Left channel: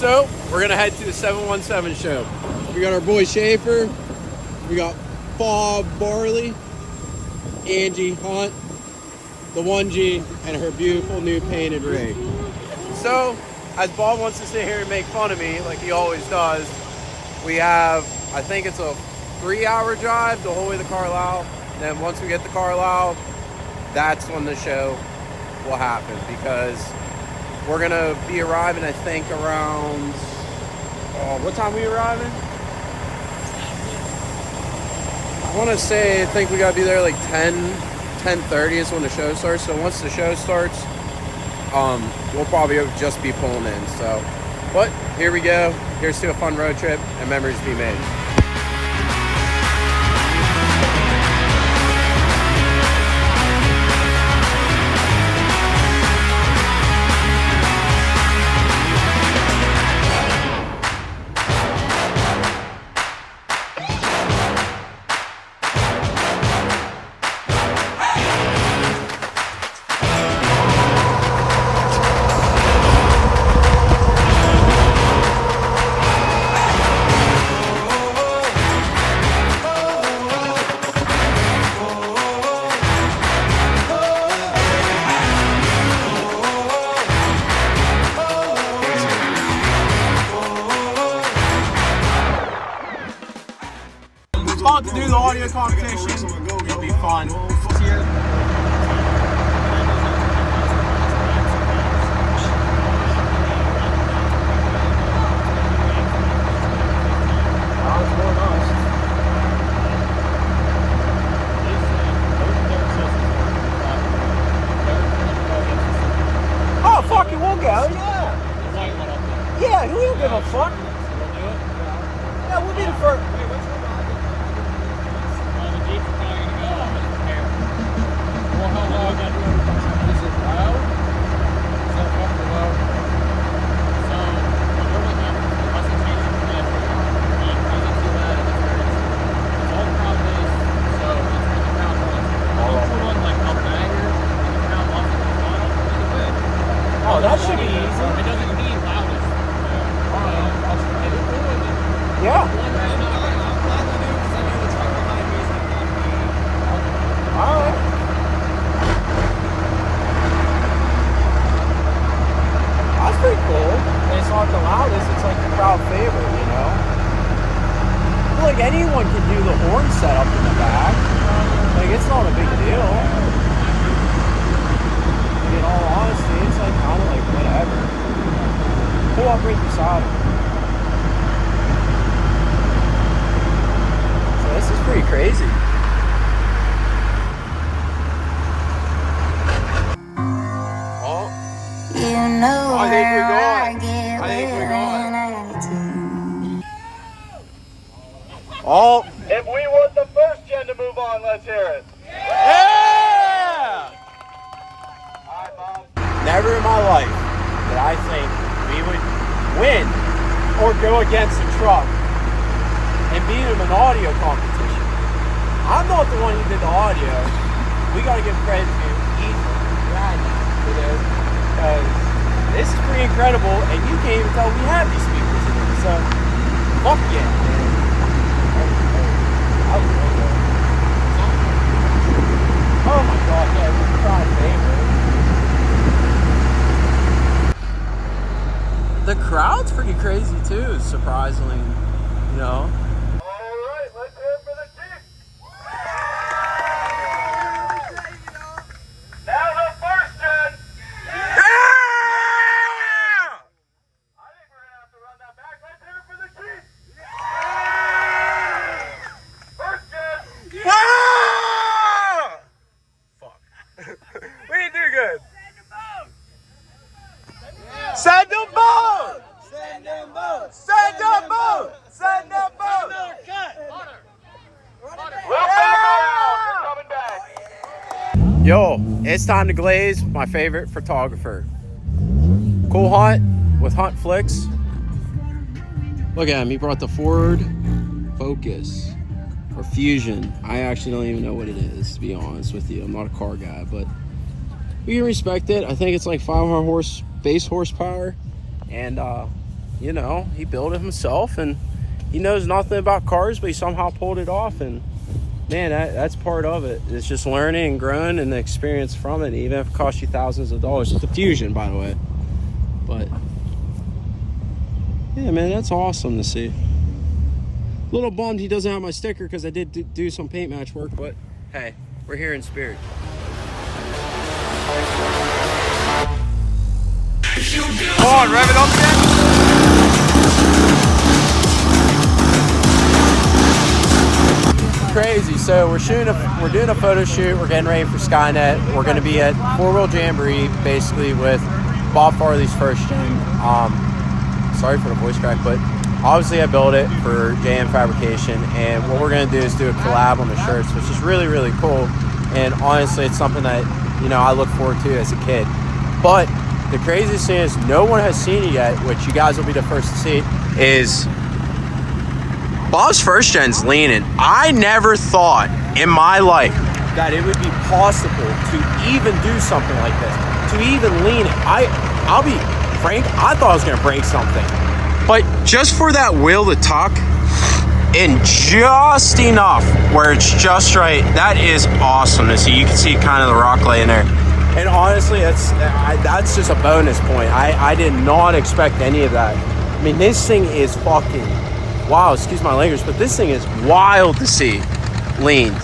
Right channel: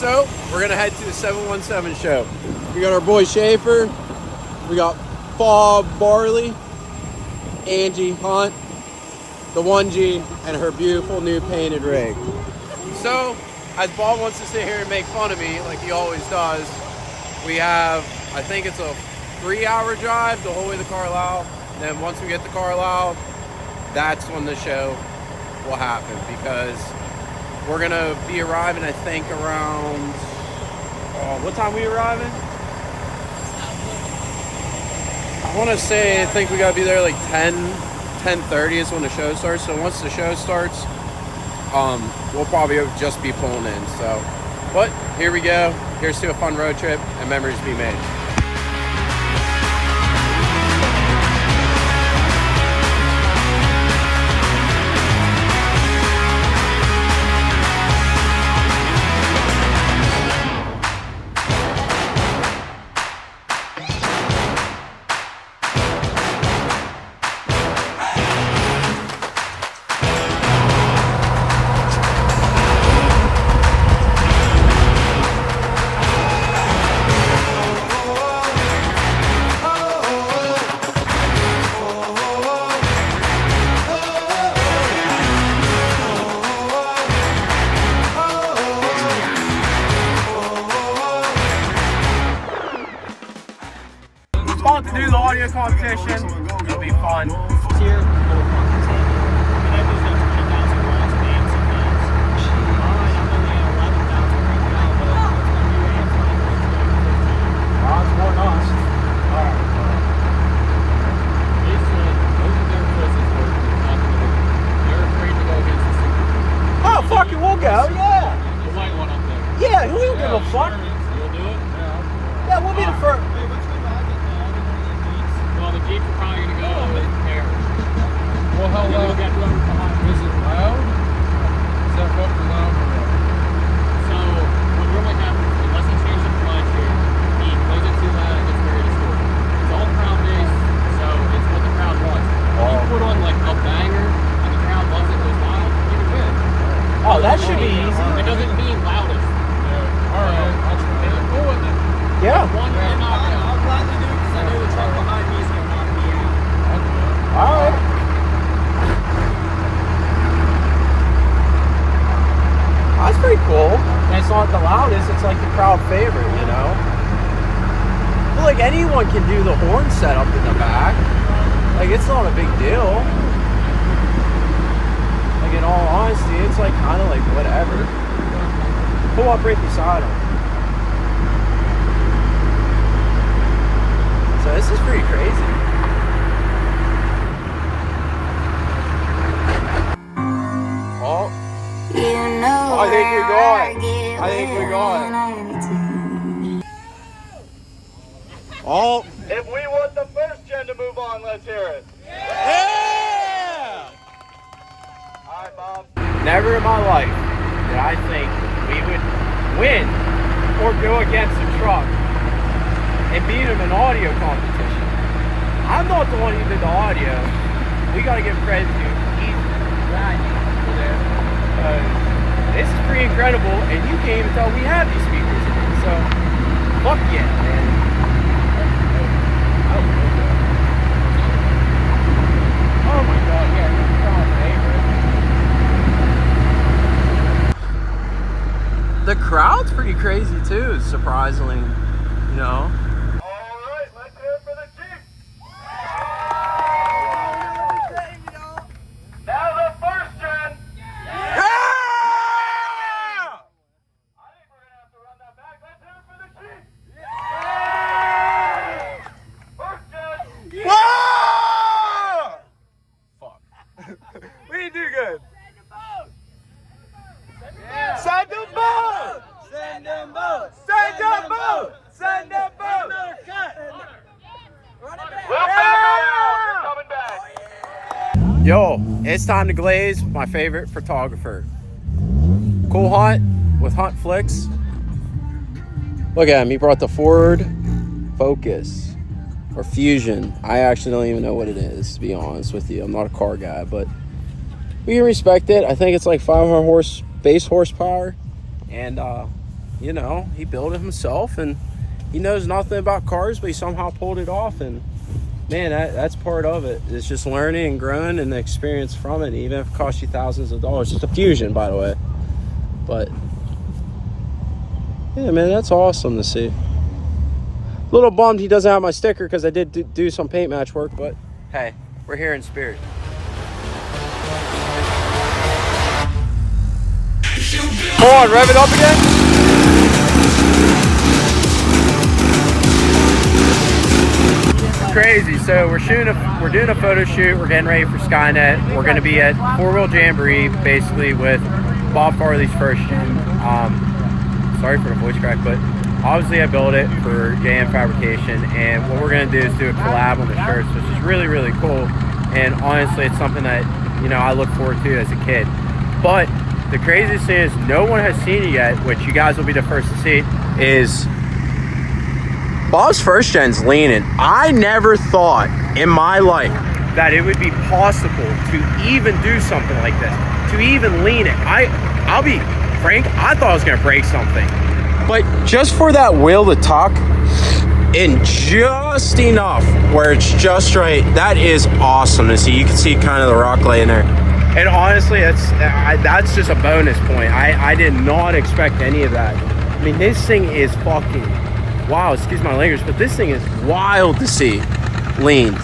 So we're gonna head to the 717 show. We got our boy Schaefer, we got Bob Barley, Angie Hunt, the 1G, and her beautiful new painted rig. So, as Bob wants to sit here and make fun of me, like he always does, we have, I think it's a 3-hour drive the whole way to Carlisle. And then once we get to Carlisle, that's when the show will happen, because we're gonna be arriving, I think, around, what time are we arriving? I want to say, I think we gotta be there like 10:30 is when the show starts. So once the show starts, we'll probably just be pulling in. So, but here we go. Here's to a fun road trip and memories to be made. About to do the audio competition. It'll be fun. Here. It's more than us. Oh, fuck it, we'll go, yeah. The white one up there. Yeah, who will give a fuck? You'll do it? Yeah, we'll be the first. Well, the Jeeps are probably going to go over the pair. Well, how loud got whoever's behind? Is it loud? Is that fucking loud? So, we're going to have less than change the last year. It plays it too loud, it gets very distorted. It's all crowd-based, so it's what the crowd wants. If you put on like a banger and the crowd loves it goes wild, you can win. Oh, that should be easy. It doesn't mean loudest. All right. Cool with it. Yeah. One round, I'll gladly do it because I know the truck behind me is going to knock me out. Alright. That's pretty cool. And it's not the loudest, it's like the crowd favorite, you know? I feel like anyone can do the horn setup in the back. Like, it's not a big deal. Like, in all honesty, it's like kind of like whatever. Pull up right beside them. So this is pretty crazy. Oh, I think we're going. I think we're going. Oh, If we want the first gen to move on, let's hear it. yeah! All right, Bob. Never in my life did I think we would win or go against a truck and beat him in an audio competition. I'm not the one who did the audio. We gotta give credit to Ethan for this. This is pretty incredible, and you can't even tell we have these speakers in it. So, fuck yeah, man. Oh my god, yeah, we're the crowd favorite. The crowd's pretty crazy too, surprisingly, you know. All right, let's hear it for the Chiefs. Now the first gen. Yeah! I think we're going to have to run that back. Let's hear it for the Chiefs. First gen. Ah! Fuck. We didn't do good. Send them both! Send them both! Send them both! Send them both! Little back coming back. Yo, it's time to glaze my favorite photographer. Cool Hunt with Hunt Flicks. Look at him, he brought the Ford Focus or Fusion. I actually don't even know what it is, to be honest with you. I'm not a car guy, but we can respect it. I think it's like 500 base horsepower, and you know, he built it himself, and he knows nothing about cars, but he somehow pulled it off. And man, that's part of it. It's just learning and growing and the experience from it, even if it costs you thousands of dollars. It's a Fusion, by the way. But yeah, man, that's awesome to see. A little bummed he doesn't have my sticker because I did do some paint match work, but hey, we're here in spirit. Come on, rev it up again. Crazy. So we're doing a photo shoot. We're getting ready for Skynet. We're going to be at Four Wheel Jamboree, basically with Bob Farley's first gen. Sorry for the voice crack, but obviously I built it for JM Fabrication, and what we're going to do is do a collab on the shirts, which is really, really cool. And honestly, it's something that, you know, I look forward to as a kid. But the craziest thing is no one has seen it yet, which you guys will be the first to see, is Bob's first gen's leaning. I never thought in my life that it would be possible to even do something like this, to even lean it. I'll be frank, I thought I was gonna break something. But just for that wheel to tuck in just enough where it's just right, that is awesome to see. You can see kind of the rock laying there. And honestly, that's just a bonus point. I did not expect any of that. I mean, this thing is fucking, wow, excuse my language, but this thing is wild to see leaned.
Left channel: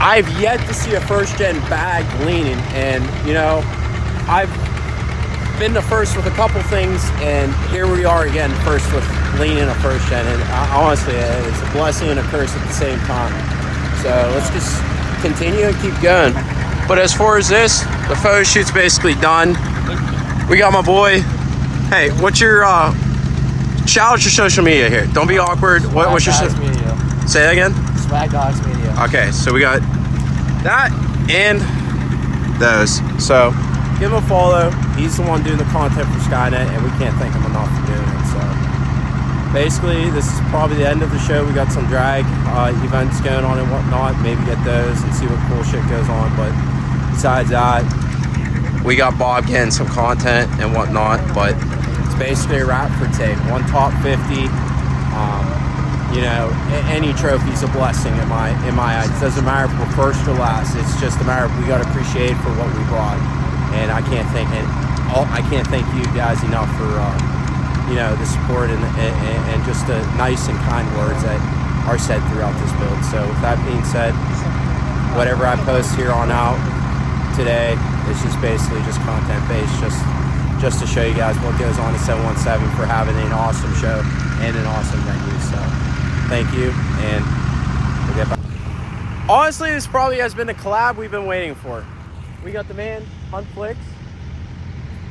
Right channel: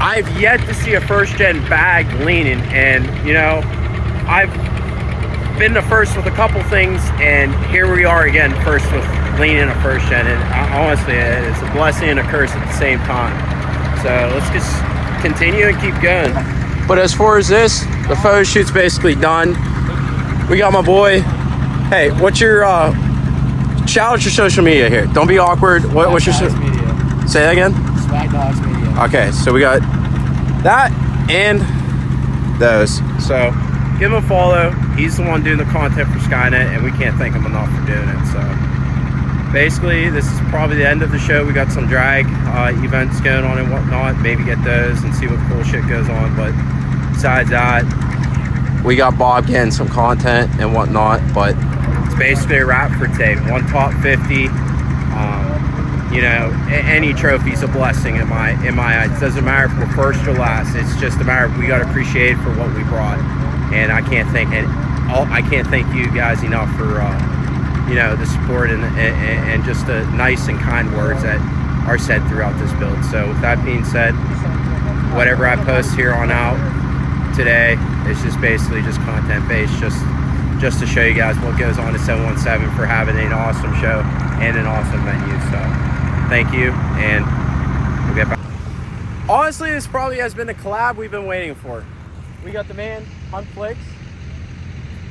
I've yet to see a first gen bag leaning, and you know, I've been the first with a couple things, and here we are again, first with leaning a first gen. And honestly, it's a blessing and a curse at the same time. So let's just continue and keep going. But as far as this, the photo shoot's basically done. We got my boy. Hey, what's your shout out your social media here? Don't be awkward. What's your Media. Say that again? Swag Dogs Media. Okay, so we got that and those. So give him a follow. He's the one doing the content for Skynet, and we can't thank him enough for doing it. So basically, this is probably the end of the show. We got some drag events going on and whatnot. Maybe get those and see what cool shit goes on. But besides that, we got Bob getting some content and whatnot. But it's basically a wrap for today. One top 50. You know, any trophy's a blessing in my eyes. It doesn't matter if we're first or last. It's just a matter of we got to appreciate for what we brought. And I can't thank you guys enough for you know, the support and just the nice and kind words that are said throughout this build. So with that being said, whatever I post here on out today is just basically just content based, just to show you guys what goes on at 717 for having an awesome show and an awesome venue. So thank you, and we'll get back. Honestly, this probably has been the collab we've been waiting for. We got the man, Hunt Flicks,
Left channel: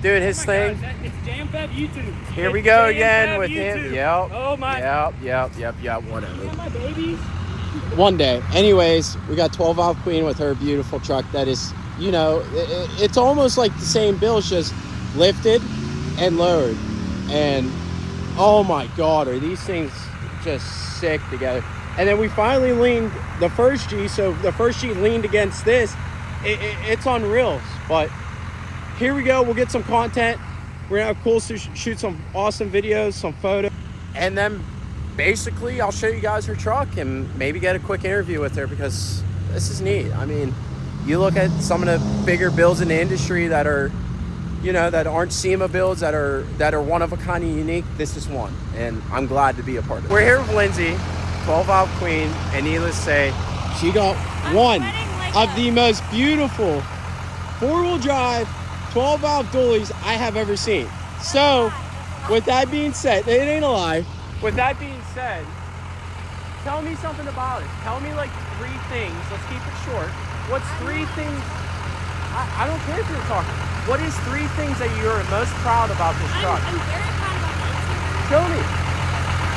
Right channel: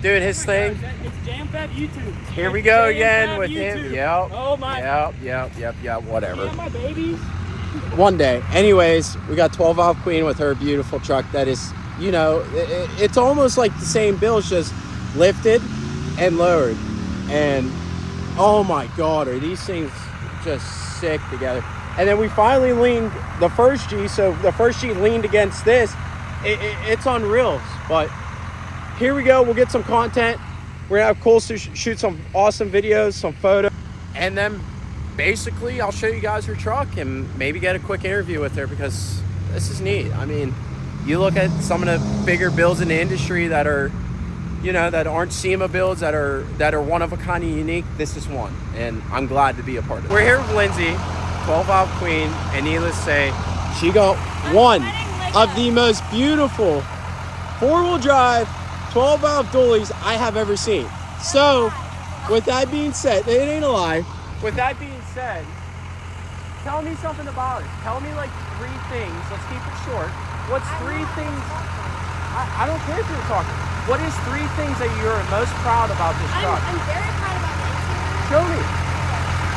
doing his thing. God, it's Jam-Fab YouTube. Here we go again with him. Yep. Oh my. Yep. Whatever. Yeah, my babies. One day. Anyways, we got 12 Valve Queen with her beautiful truck that is, you know, it's almost like the same build, just lifted and lowered. And oh my God, are these things just sick together. And then we finally leaned the first G, so the first G leaned against this. It's on reels, but here we go. We'll get some content. We're gonna have Cole shoot some awesome videos, some photos, and then basically I'll show you guys her truck and maybe get a quick interview with her, because this is neat. I mean, you look at some of the bigger builds in the industry that are, you know, that aren't SEMA builds, that are one of a kind and unique. This is one, and I'm glad to be a part of it. We're here with Lindsay, 12 Valve Queen, and needless to say, she got one of the most beautiful four-wheel drive 12 valve dualies I have ever seen. So with that being said, it ain't a lie. With that being said, tell me something about it. Tell me like 3 things. Let's keep it short. What's 3 things? I don't care if you're talking. What is 3 things that you're most proud about this truck? I'm very proud about the interior. Show me.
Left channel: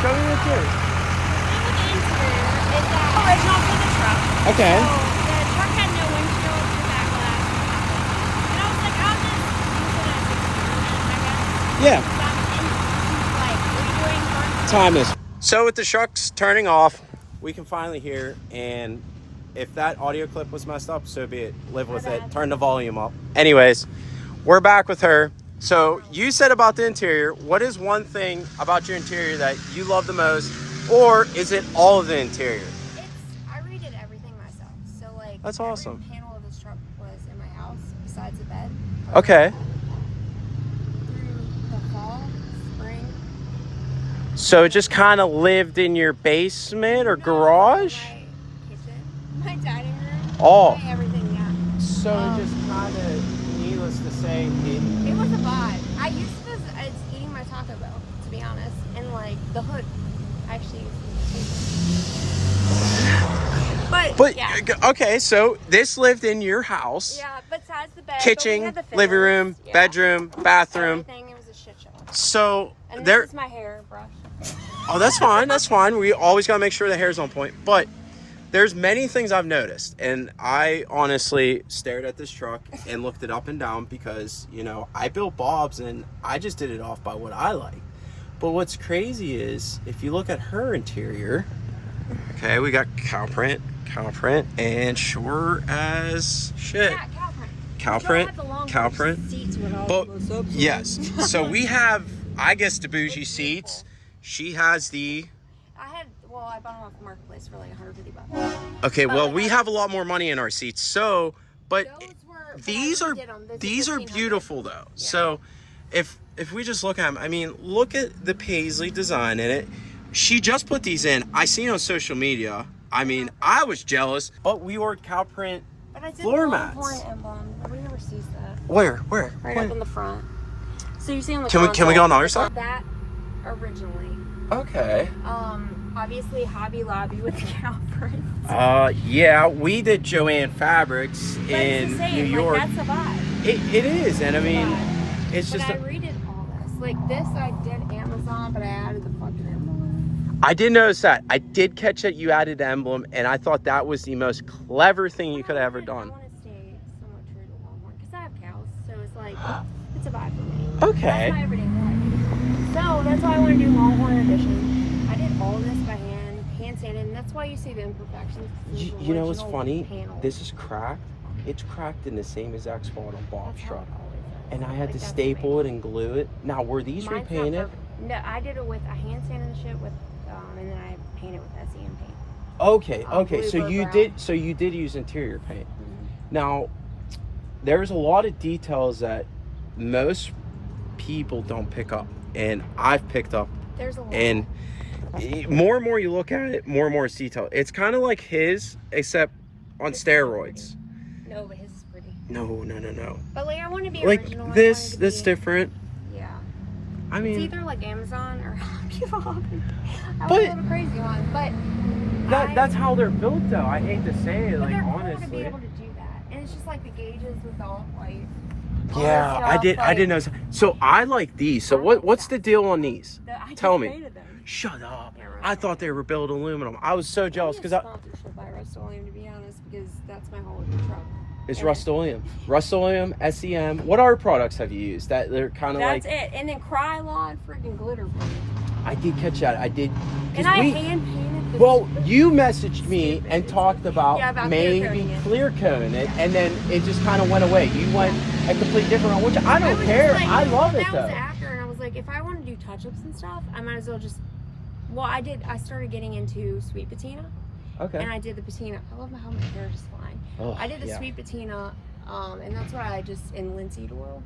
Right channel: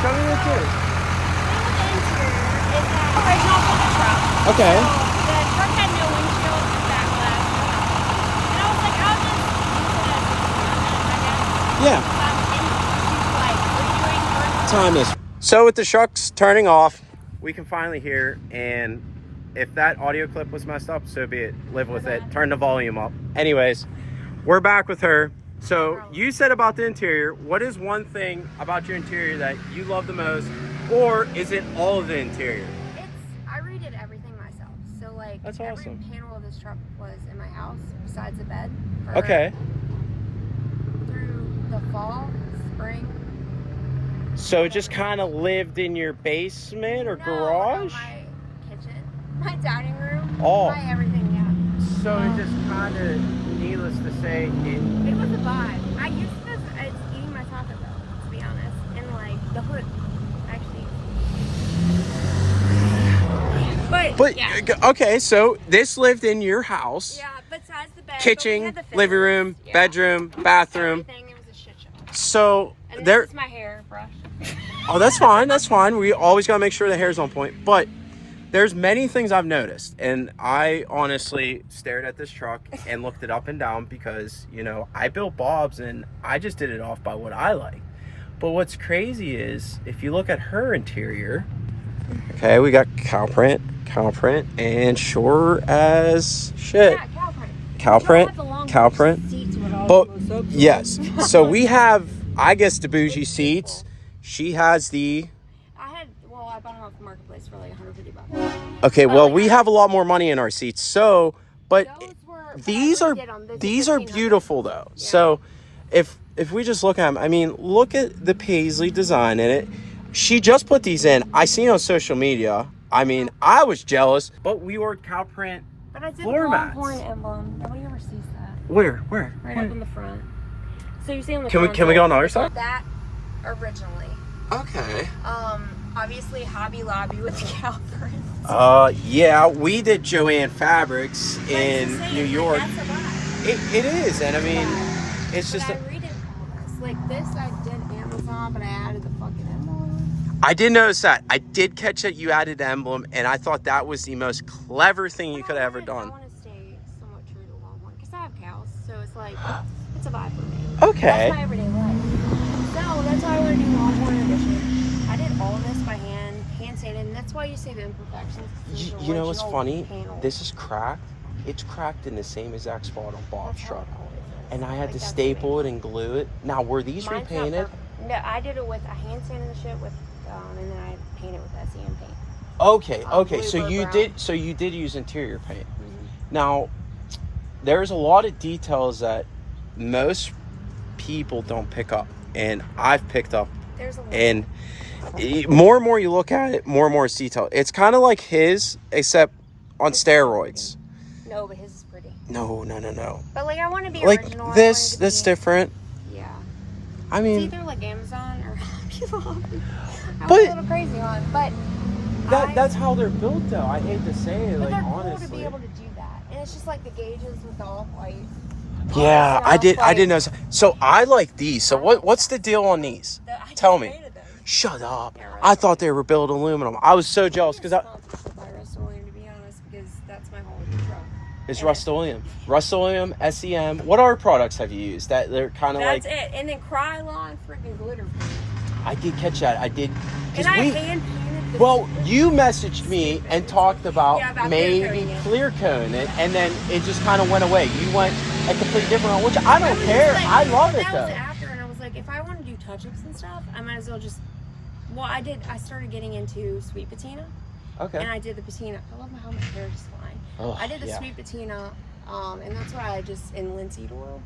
Show me the interior. The interior is original for the truck. Okay. So the truck had no windshield or back glass. And I was like, I'll just use it as an experiment, I guess. Yeah. Like redoing first. Timeless. So with the trucks turning off, we can finally hear, and if that audio clip was messed up, so be it. Live with it. Turn the volume up. Anyways, we're back with her. So you said about the interior. What is one thing about your interior that you love the most, or is it all of the interior? I redid everything myself. So like, That's awesome. Every panel of this truck was in my house besides the bed. Okay. Through the fall, spring. So it just kind of lived in your basement or garage? My kitchen, my dining room, Oh. my everything. Yeah. So it just kind of, needless to say, It was a vibe. I used to it's eating my Taco Bell, to be honest, and like the hood, actually. But yeah. Okay, so this lived in your house. Yeah, besides the bed, Kitchen, living room, bedroom, bathroom. Everything, it was a shit show. So And there. this is my hair brush. Oh, that's fine. That's fine. We always gotta make sure the hair's on point. But there's many things I've noticed, and I honestly stared at this truck and looked it up and down because, you know, I built Bob's and I just did it off by what I like. But what's crazy is if you look at her interior, okay, we got cow print, and sure as shit. Yeah, Cow print. But yes, so we have, I guess, the bougie seats. She has the. I bought them off the marketplace for like $150. Okay, well, we have a lot more money in our seats. So, but these are $1,500. beautiful though. Yeah. So, if we just look at them, I mean, look at the paisley design in it. She just put these in. I seen on social media. I mean, I was jealous, but we ordered cow print floor mats. Emblem. Nobody ever sees that. Where? Right up in the front. So you see on the Can we go on the other side? That originally. Okay. Obviously Hobby Lobby with the cow print. Yeah, we did Joanne Fabrics in New York. Like, that's a vibe. It is, and I mean, it's but just. I redid all this. Like this, I did Amazon, but I added the fucking emblem. I did notice that. I did catch that you added the emblem, and I thought that was the most clever thing you could have ever done. I want to stay somewhat true to Walmart because I have cows, so it's like it's a vibe for me. Okay. That's my everyday life. So that's why I want to do Walmart edition. I did all of this by hand sanded, and that's why you see the imperfections. You know what's funny? Panel. This is cracked. It's cracked in the same exact spot on Bob's That's how truck. cold it is. And I had Like, to that's staple it and glue it. Now, were these Mine's not repainted? perfect. No, I did it with a hand sanding the shit with, and then I painted with SEM paint. Okay. Blue So you brown. did. So you did use interior paint. Mm-hmm. Now, there's a lot of details that most people don't pick up, and I've picked up. There's a lot. And more and more you look at it, more and more it's detailed. It's kind of like his, except on steroids. No, but his is pretty. No. But like I want to be Like original. this, that's different. Yeah. I It's mean, either like Amazon or Hobby Lobby. I But- was a little crazy on, but that's how they're built, though. I hate to say it, but like they're cool honestly. to be able to do that, and it's just like the gauges with the off-white. Yeah, Honestly, I did know. off-white. So I like these. So what's the deal on these? I Tell just me. painted them. Shut up. Yeah, right. I thought they were built aluminum. I was so jealous because Sponsorship by Rust-Oleum, to be honest, because that's my whole truck. it's And Rust-Oleum. Rust-Oleum, SEM. What other products have you used that they're kind of like? That's it, and then Krylon freaking glitter paint. I did catch that. I did. 'Cause And I hand painted the. Well, you messaged me and talked about, Yeah, about maybe clear coating it. clear coating it, and then it just kind of went away. You went a completely different one, which I don't was care. just like, I love it that though. was after, and I was like, if I want to do touch-ups and stuff, I might as well just. Well, I started getting into sweet patina, Okay. and I did the patina. I love how my hair is just flying. Oh, I did the yeah. sweet patina, and that's why I just in linseed oil.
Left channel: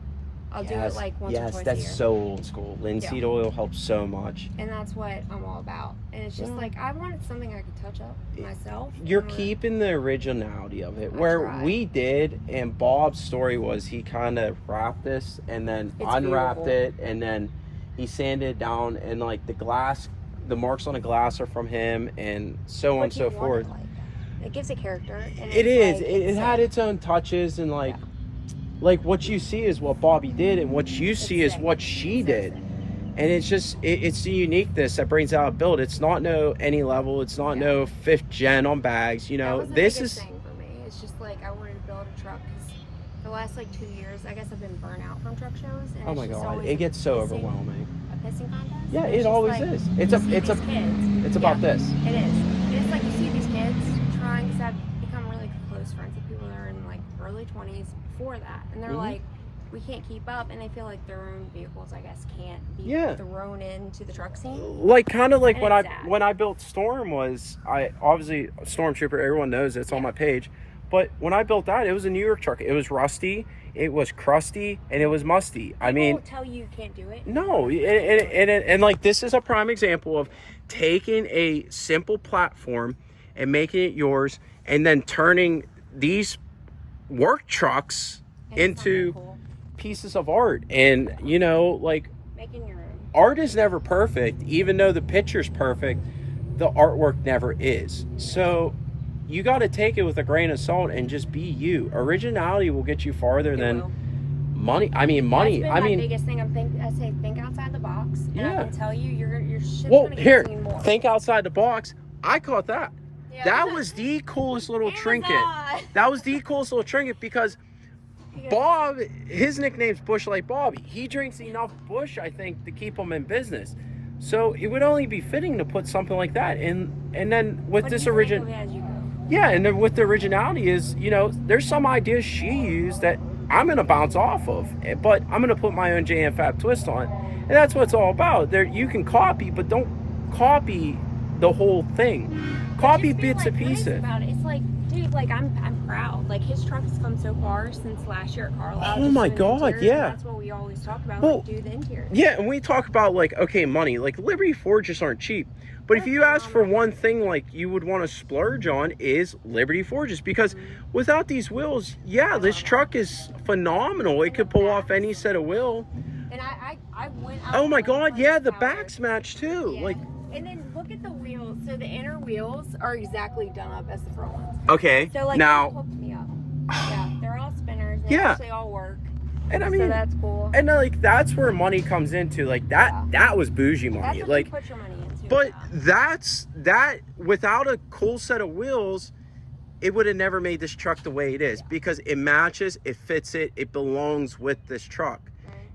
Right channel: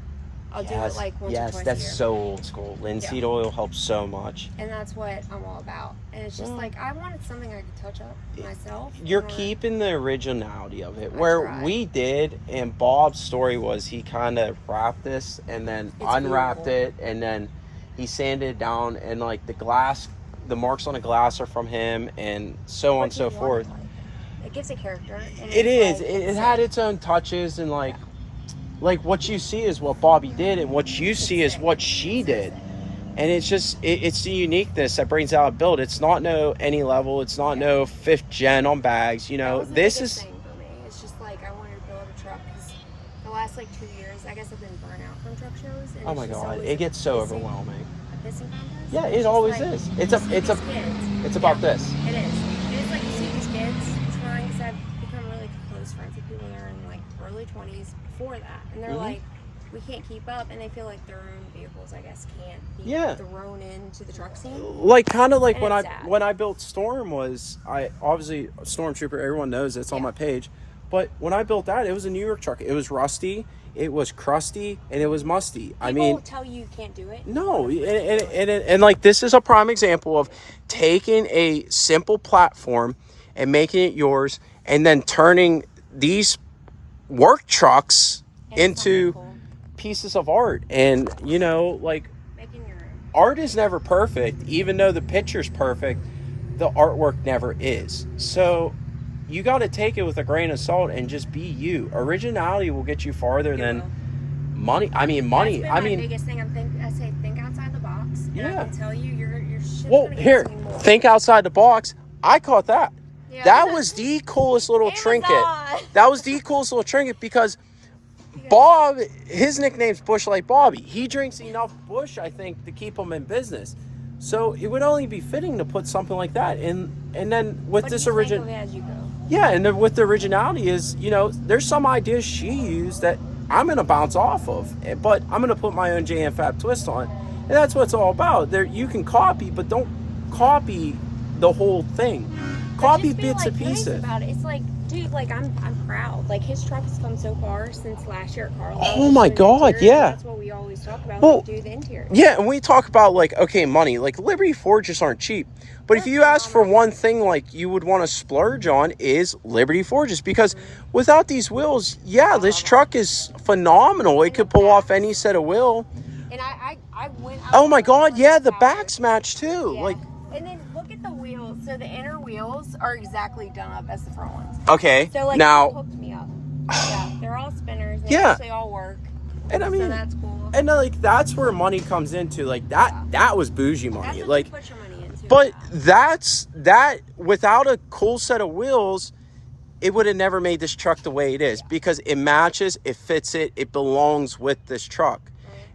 I'll do it Yes, like once or yes, twice that's a year. so old school. Linseed oil helps so much. And that's what I'm all about. And it's just like I wanted something I could touch up myself. You're or- keeping the originality of it. I Where try. we did, and Bob's story was he kind of wrapped this and then It's unwrapped beautiful. it, and then he sanded it down, and like the glass, the marks on the glass are from him, and so on and But so you want forth. it, like, it gives a character. And It is. it's like- It had its own touches, and like what you see is what Bobby did, and what you see is what she did. And it's just it's the uniqueness that brings out a build. It's not no any level. It's not no 5th gen on bags. You That know, was the this biggest is. thing for me. It's just like I wanted to build a truck because the last like 2 years, I guess I've been burnt out from truck shows. And Oh it's my just god, always it gets so pissing- overwhelming. A pissing contest. Yeah, And it it's just always like, is. you It's see about these kids. It's about Yeah, this. It is. And it's like you see these kids trying because I've become really close friends with people that are in like early 20s before that, and they're Mhm. like, we can't keep up, and they feel like their own vehicles, I guess, can't be thrown into the truck scene. Like kind of like And when I built Storm was I obviously Stormtrooper. Everyone knows it's on my page, but when I built that, it was a New York truck. It was rusty, it was crusty, and it was musty. People I mean, tell you can't do it. no, and like this is a prime example of taking a simple platform and making it yours, and then turning these work trucks into pieces of art. And you know, like, Making your own. art is never perfect. Even though the picture's perfect, the artwork never is. So you got to take it with a grain of salt and just be you. Originality will get you farther than money. I mean, money. That's been my biggest thing. I say think outside the box, and I can tell you, your shit's gonna get to me more. Think outside the box. I caught that. Yeah. That was the coolest little trinket. Amazon. That was the coolest little trinket because Bob, his nickname's Bush Light Bobby. He drinks enough Bush, I think, to keep him in business. So it would only be fitting to put something like that in. And then with this original, yeah, and then with the originality is, you know, there's some ideas she used that I'm gonna bounce off of, but I'm gonna put my own JM Fab twist on, and that's what it's all about. There, you can copy, but don't copy the whole thing. Copy bits and pieces. About it. It's like, dude, like I'm proud. Like his truck has come so far since last year at Carlisle. Oh my God, yeah. That's what we always talk about. Well, when we do the interior. Yeah, and we talk about like, okay, money. Like Liberty Forges aren't cheap, but if you ask for one thing, like you would want to splurge on is Liberty Forges, because without these wheels, yeah, this truck is phenomenal. It could pull off any set of wheel. And I went. Oh my God, yeah, the backs match too. Yeah. Like, and then look at the wheels. So the inner wheels are exactly done up as the front ones. okay, So like now, that hooked me up. Yeah, they're all spinners. They Yeah. actually all work. and I So mean, that's cool. and like that's where money comes into. Like that, that was bougie money. That's what Like, you put your money into. but that without a cool set of wheels, it would have never made this truck the way it is, because it matches, it fits it belongs with this truck.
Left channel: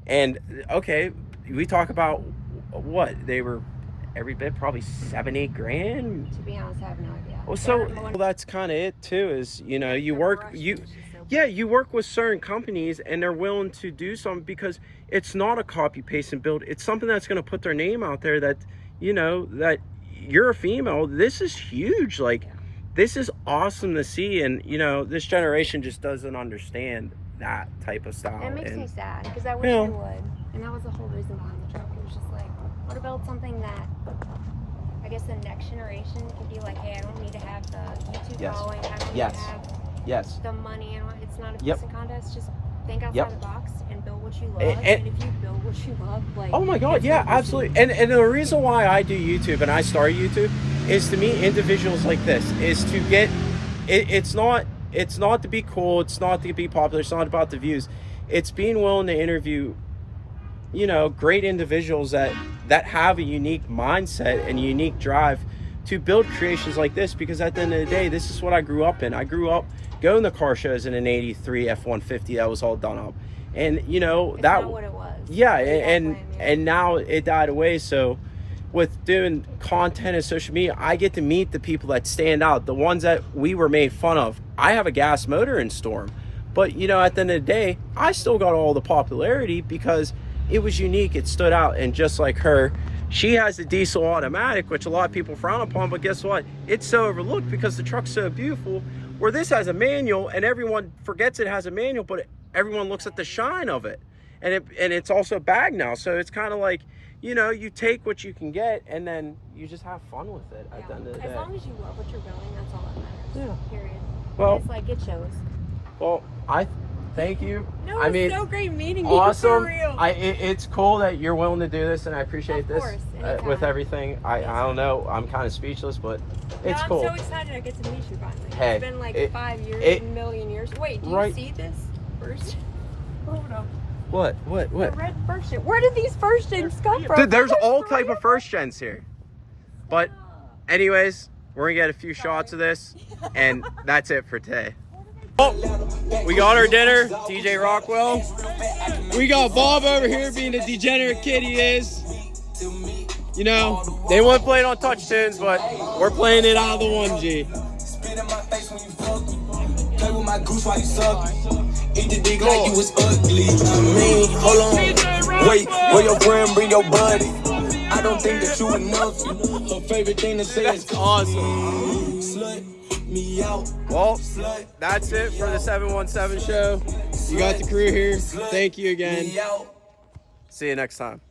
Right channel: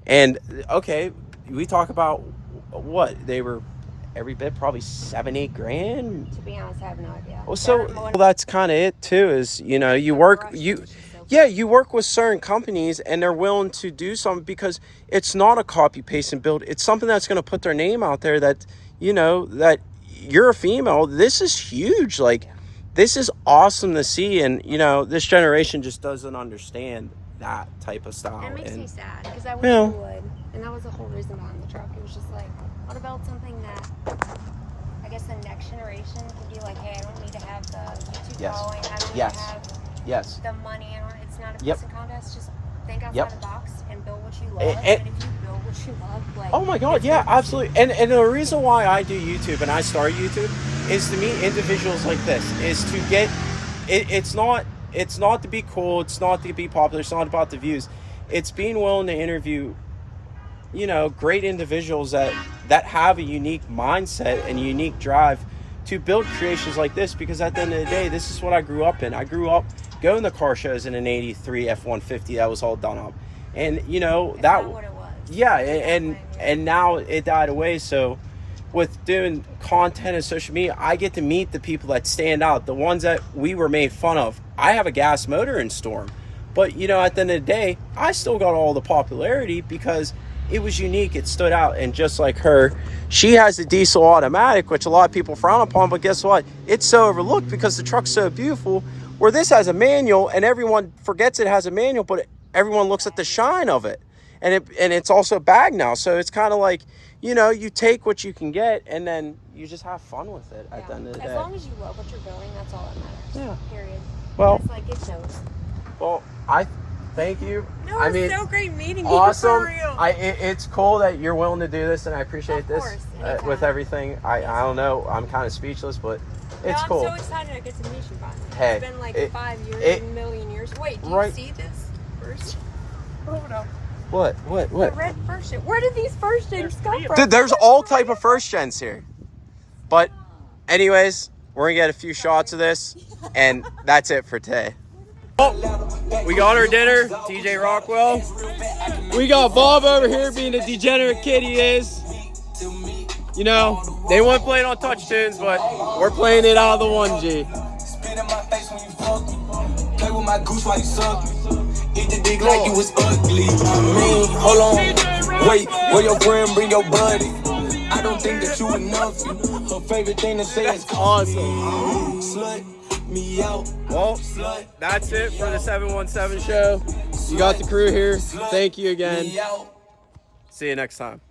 And okay, we talk about what they were every bit, probably $7-8 grand. To be honest, I have no idea. Well, so that's kind of it too, is, you know, you work with certain companies and they're willing to do something because it's not a copy paste and build. It's something that's going to put their name out there, that, you know, that you're a female. This is huge. Like, this is awesome to see. And, you know, this generation just doesn't understand that type of style. That makes and me sad, because I wish I would. And that was the whole reason behind the truck. It was just like, what about something that I guess the next generation could be like, hey, I don't need to have the YouTube following. I don't need to have the money. And it's not a pissing contest. Just think outside the box and build what you love. And if you build what you love, like, oh my God, yeah, absolutely. And the reason why I do YouTube and I start YouTube is to meet individuals like this, is to get it's not to be cool, it's not to be popular, it's not about the views. It's being willing to interview, you know, great individuals that have a unique mindset and unique drive to build creations like this, because at the end of the day, this is what I grew up in. I grew up going to car shows in an 83 F-150 that was all done up. And, you know, it's that not what it was. Yeah, and now it died away. So with doing content and social media, I get to meet the people that stand out, the ones that we were made fun of. I have a gas motor in Storm, but, you know, at the end of the day, I still got all the popularity because it was unique. It stood out. And just like her, she has the diesel automatic, which a lot of people frown upon, but guess what? It's so overlooked because the truck's so beautiful, where this has a manual and everyone forgets it has a manual, but everyone looks at the shine of it. And it's also bagged now. So it's kind of like, you know, you take what you can get and then you just have fun with it at the end of the day. As long as you love what you're doing, that's all that matters. Yeah. Period. Well, it's like, it shows. Well, I thank you. No, I it's mean, so great meeting you. awesome. For real. It's cool that you're willing to do this, and I appreciate Of course, this with everything. I don't know. I'm kind of speechless, but it's cool. I'm so excited I get to meet you finally. Hey, it's been like 5 years, a million years. Wait, do you see this first? Hold on. What? The red first gen. Where did these first gens come from? Dude, there's all type of first gens here. But anyways, we're gonna get a few shots of this, and that's it for today. Oh, we got our dinner, TJ Rockwell. We got Bob over here being the degenerate kid he is. You know, they want to play it on touch tunes, but we're playing it out of the 1G. Spit in my face when you fuck me. Play with my goose while you suck me. the dick like you was ugly. I mean, hold on. Wait, where your friend bring your buddy? I don't think that you enough. Her favorite thing to say is Awesome. slut me out. Well, that's it for the 717 show. You got the crew here. Thank you again. See you next time.